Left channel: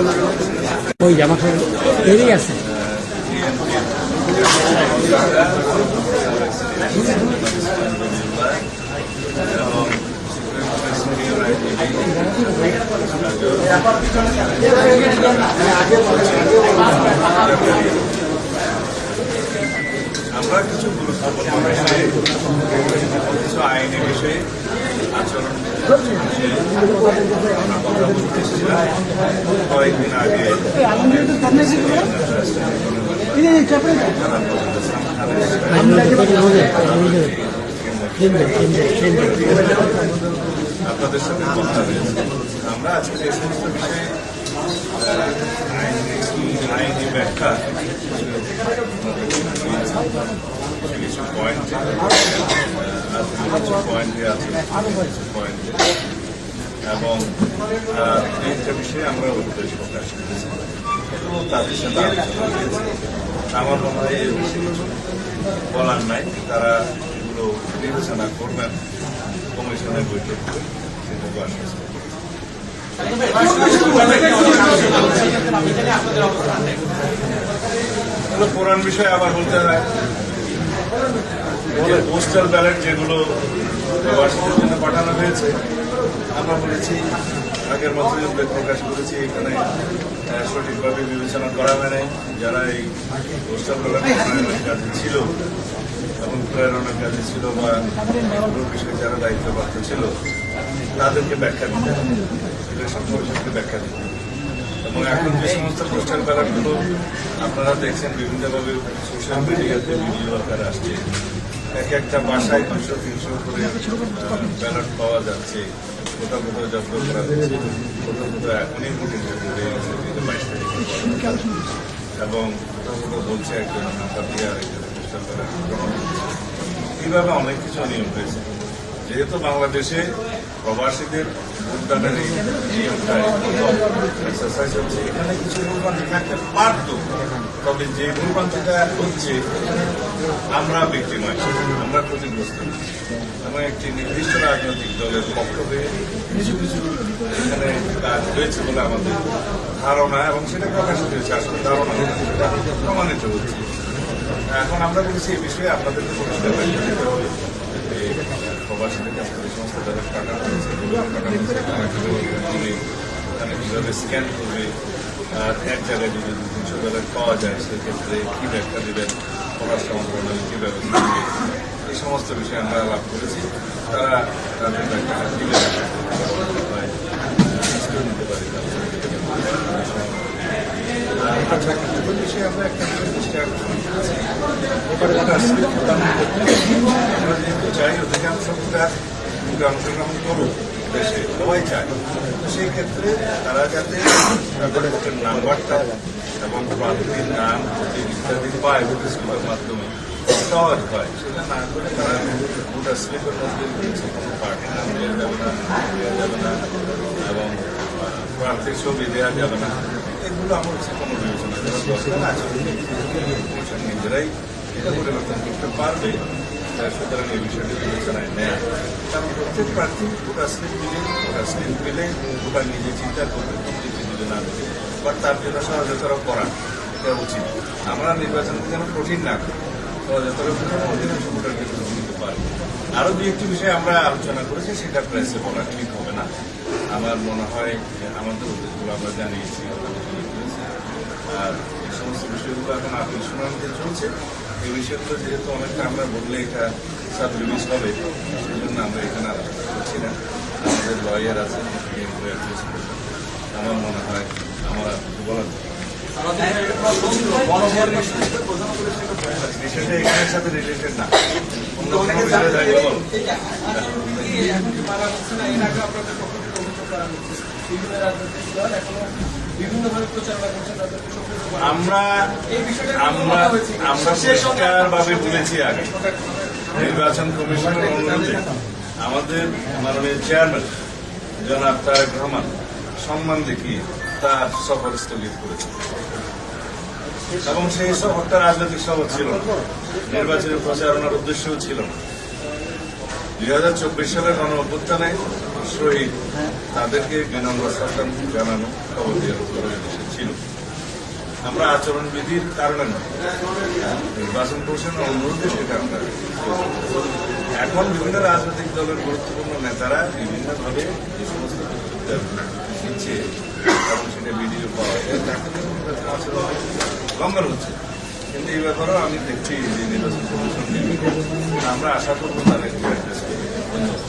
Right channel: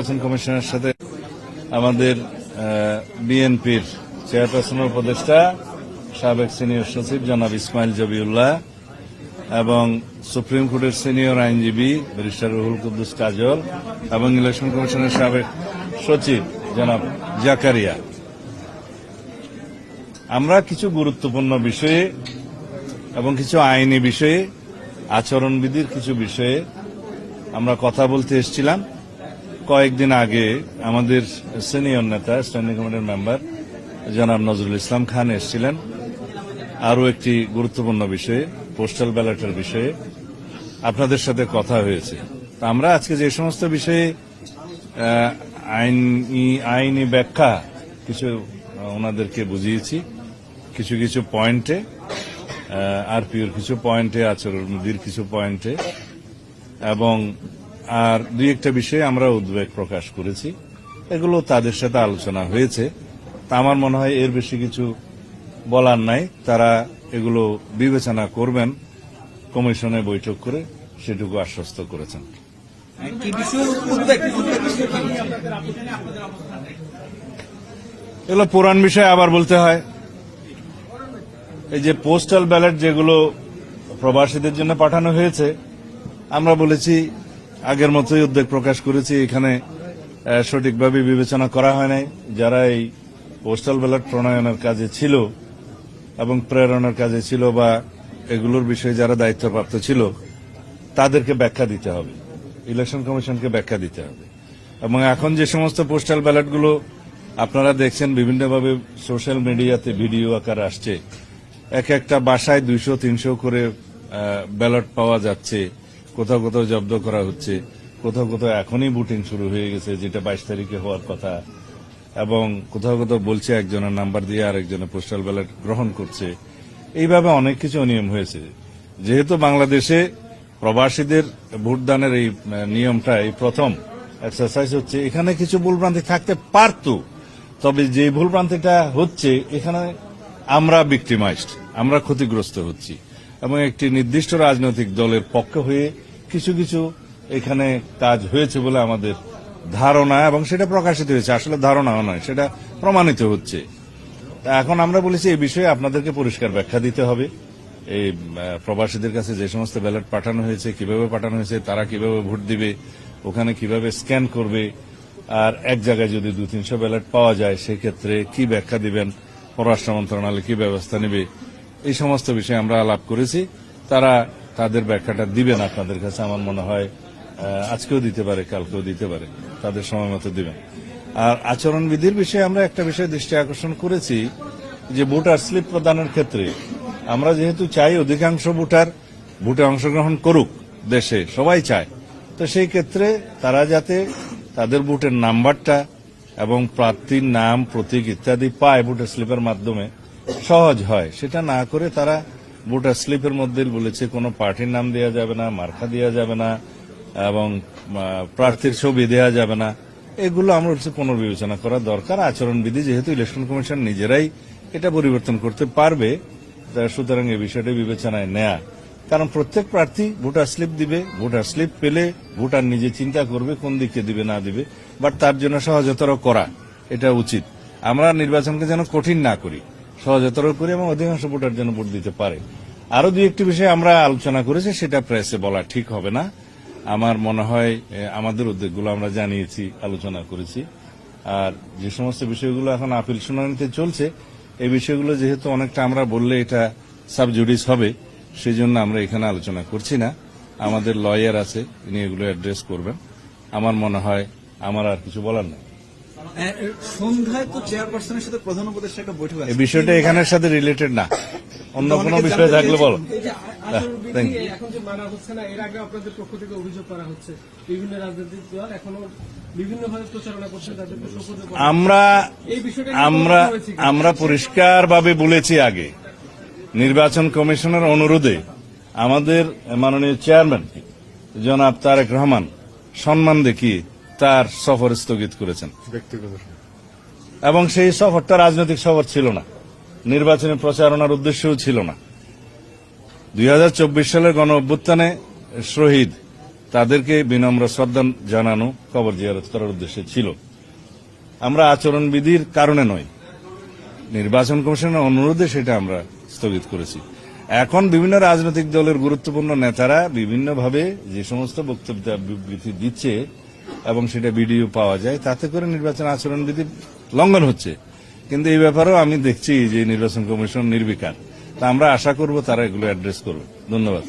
নির্বাচন কমিশনের সাথে আমাদের বিএনপির উপদেষ্টা সাবেক সিনিয়র সচিব জনাব ইসমাইল জবিউল্লাহ এবং সুপ্রিম কোর্টের সিনিয়র আইনজীবী কাজল এবং ইলেকশন কমিশনের সাবেক সচিব জাকারিয়া, আমরা কিছু গুরুত্বপূর্ণ বিষয়ে এবং কিছু আইনি বিষয়ে, আচরণবিধির কিছু বিষয়ে আমরা কথা বলতে এসেছিলাম। কয়েকদিন আগে আমাদের সিনিয়র নেতা স্ট্যান্ডিং কমিটির মেম্বার জনাব নজরুল ইসলাম খান এসেছিলেন আরও একটি গুরুত্বপূর্ণ বিষয়ে, আপনাদের সাথে কথা হয়েছে। আমরা আজকে যে সমস্ত বিষয়ে আইনি ব্যাখ্যা কিছু ওনাদেরকে বুঝিয়েছি, কিছু কিছু পয়েন্টে আর কিছু পয়েন্টে আছে, কিছু পয়েন্টে এবং দুই একটা বিষয়ে আমরা উদ্বেগ প্রকাশ করেছি। এগুলো তাদের সাথে আলোচনা হয়েছে। আমার মনে হয় এর বেশি কিছু বলার নাই। তারা এগুলো বিবেচনা করবেন, কমিশনে বৈঠক করে সেটুকু আশ্বস্ত করেছে। এগুলো পুরান বিষয় আবার বলতে হয়। এই যে পোস্টাল ব্যালট যেগুলো প্রবাসীদের জন্য পাঠানো হয়েছে, আমরা বলেছি আগের মতোই উদ্বেগ প্রকাশ করেছি, এখানে সঠিকভাবে বিবেচনা করা হয়নি। যারা এই পোস্টাল ব্যালট প্রণয়নের কাজে ছিল এবং প্রেরণার কাজে ছিল বা এগুলোর বিষয়ে যারা দায়িত্বপ্রাপ্ত ছিল তাদেরকে ব্যাখ্যা দিতে হবে, ইলেকশন কমিশনকে ব্যাখ্যা দিতে হবে। এবং এখন যে সমস্ত পোস্টাল ব্যালটগুলো আপনারা দেখছেন বিভিন্নভাবে সোশ্যাল মিডিয়াতে ভিডিও আকারে আসছে, এক একটা বাসায় 200-300 করে ব্যালট পাওয়া যাচ্ছে, কোথাও কোথাও জব্দ করা হচ্ছে, কোথাও কোথাও এখনই ভোটিং শুরু হয়ে গেছে, যেটা 22 তারিখের পর কথা, এবং কোথাও কোথাও বলছে একজনের নাম্বার দিয়ে আরেকজনের পোস্টাল ব্যালট গ্রহণ করছে। এইভাবে অনেক কিছু অনিয়ম হয়েছে। যেহেতু বাংলাদেশে প্রবাসীদের ভোটদানের এই নিয়মটা এই প্রথম এক্সারসাইজ হচ্ছে, এখানে কিছু ভুলভ্রান্তি থাকতে পারত, তবে যে ভুলভ্রান্তিটা হচ্ছে এখানে আমরা ভিক্টিমাইজ, আমরা ক্ষতিগ্রস্ত হচ্ছি এবং একটি নির্দিষ্ট রাজনৈতিক দলের পক্ষ হয়ে কিছু কিছু এখানে কাজ হয়েছে বলে আমাদের ধারণা, এবং সেটা প্রকাশিত হয়েছে। আসলে ধারণাও নয়, সেটা প্রমাণিত হচ্ছে। এখন আমরা বলেছি এই বিষয়ে আপনাদেরকে পরিষ্কার ব্যাখ্যা দিতে হবে। এই প্রবাসীদের কাছে যে সমস্ত ব্যালট পাঠানো হয়েছে, কীভাবে পাঠানো হয়েছে, তারা কীভাবে ভোট দিবে, ওখানে কীভাবে স্ক্যান করবে, আর এক জায়গায় যদি 200-300 ব্যালট পাওয়া যায় সেক্ষেত্রে কী ব্যাখ্যা দিবেন, পররাষ্ট্র মন্ত্রণালয় কী ব্যবস্থা দেবে, এই সমস্ত বিষয়ে আমরা আলাপ করেছি। তারা তাদের ব্যাখ্যাটা দিবে না, তাদের কাছে আমার মনে হয় আজকেও দিতে পারে, কালকেও দিতে পারে, তাদের সময় মতো দেবে। আর আচরণবিধির বিষয়ে আমরা একটা বিষয় দৃষ্টি আকর্ষণ করেছি যে ভোটার স্লিপ প্রদানের ক্ষেত্রে আমরা যেহেতু চাই অধিকাংশ ভোটার ভোটে অংশগ্রহণ করুক, দেশে সবাই চায়, তো সেই ক্ষেত্রে তারা যাতে তাদের ভোটের নাম্বারটা এবং প্রার্থীর নাম, প্রতীক ইত্যাদি পায় ভোটার স্লিপের মাধ্যমে, সহজ হয়। সেটা না করে তারা ভোটার স্লিপের মধ্যে বলেছে কোনো পার্টির নাম দেওয়া যাবে না, মার্কা দেওয়া যাবে না এবং প্রার্থীর ছবি দেওয়া যাবে না। এগুলো আমার হচ্ছে কোনো বিবেচনা করার দরকার। আচরণবিধি যেহেতু ইলেকশন কমিশন নিজেরাই এটা পরিবর্তন করতে পারবে, সুতরাং এই বিষয়টা বিবেচনায় নেয়া। কারণ প্রত্যেক প্রার্থী ভোটার স্লিপ দিবে, ভোটার স্লিপ পেলে ভোটার নিজে চিন্তা করবে কোন দিকে দিবে না দিবে, বাট তার জন্য সহজতর করা এটা উচিত। আমরা নির্বাচনকে যেন কঠিন না করি, সহজতর করে এবং অধিকাংশ ভোটার যেন ভোট দিতে পারে। আরও দু একটি বিষয়ে আমরা আলোচনা করেছি, সেটা প্রেসে বলা ঠিক হবে না। আমার মনে হয় আমাদের উদ্যোগগুলো আমরা জানিয়েছি, আলোচনা করেছি। আর যে সমস্ত বিষয়গুলো এখন আপিল শুনানিতে চলছে, এই বিষয়গুলো যেহেতু অনেকটা আমরা বললে এটা সাব জুডিস হবে, সেই জন্য আমরা এখানে আলোচনা করছি না। আমাদের লয়ার আছে, নিয়ে এগুলো অ্যাড্রেস করবেন। আমার মনে হয় আমার আর কিছু বলার নেই। এই বিষয়টা এখানের সাথে রিলেটেড না, অন্য কোনো বিষয় থাকলে বল। আমরা আমরা আমরা পরিষ্কারভাবে বলেছি আগে, নির্বাচন কমিশনের অনুরোধে আমাদের মাননীয় চেয়ারম্যান জনাব তারেক রহমান সম্মান দেখিয়ে তার সফর স্থগিত করেছেন, এবং সেই সফরটা রাজনৈতিক সফর ছিল না, নির্বাচনী প্রচারণার উদ্দেশ্যও ছিল না। 2024 সালের গণ অভ্যুত্থানে শহীদ তাদেরকে বিনম্র শ্রদ্ধা জানানো, কবর জিয়ারত করার উদ্দেশ্যে ছিল। আমরা আচরণবিধির কারণে নয়, নির্বাচন কমিশনের অনুরোধে সেটা আমরা স্থগিত করেছি। এখন বিভিন্ন রাজনৈতিক দলের গুরুত্বপূর্ণ নেতারা বিভিন্নভাবে যে সমস্ত বক্তব্য দিচ্ছে এবং সেটা ভিডিও পাওয়া যায়, তাতে করে নির্বাচন আচরণবিধি লঙ্ঘন হচ্ছে। কিন্তু এই ব্যাপারেও আমি দেখছি যে নির্বাচন কমিশন নির্বিকার। আমরা আশা করব তারা এগুলো অ্যাড্রেস করবে। ধন্যবাদ।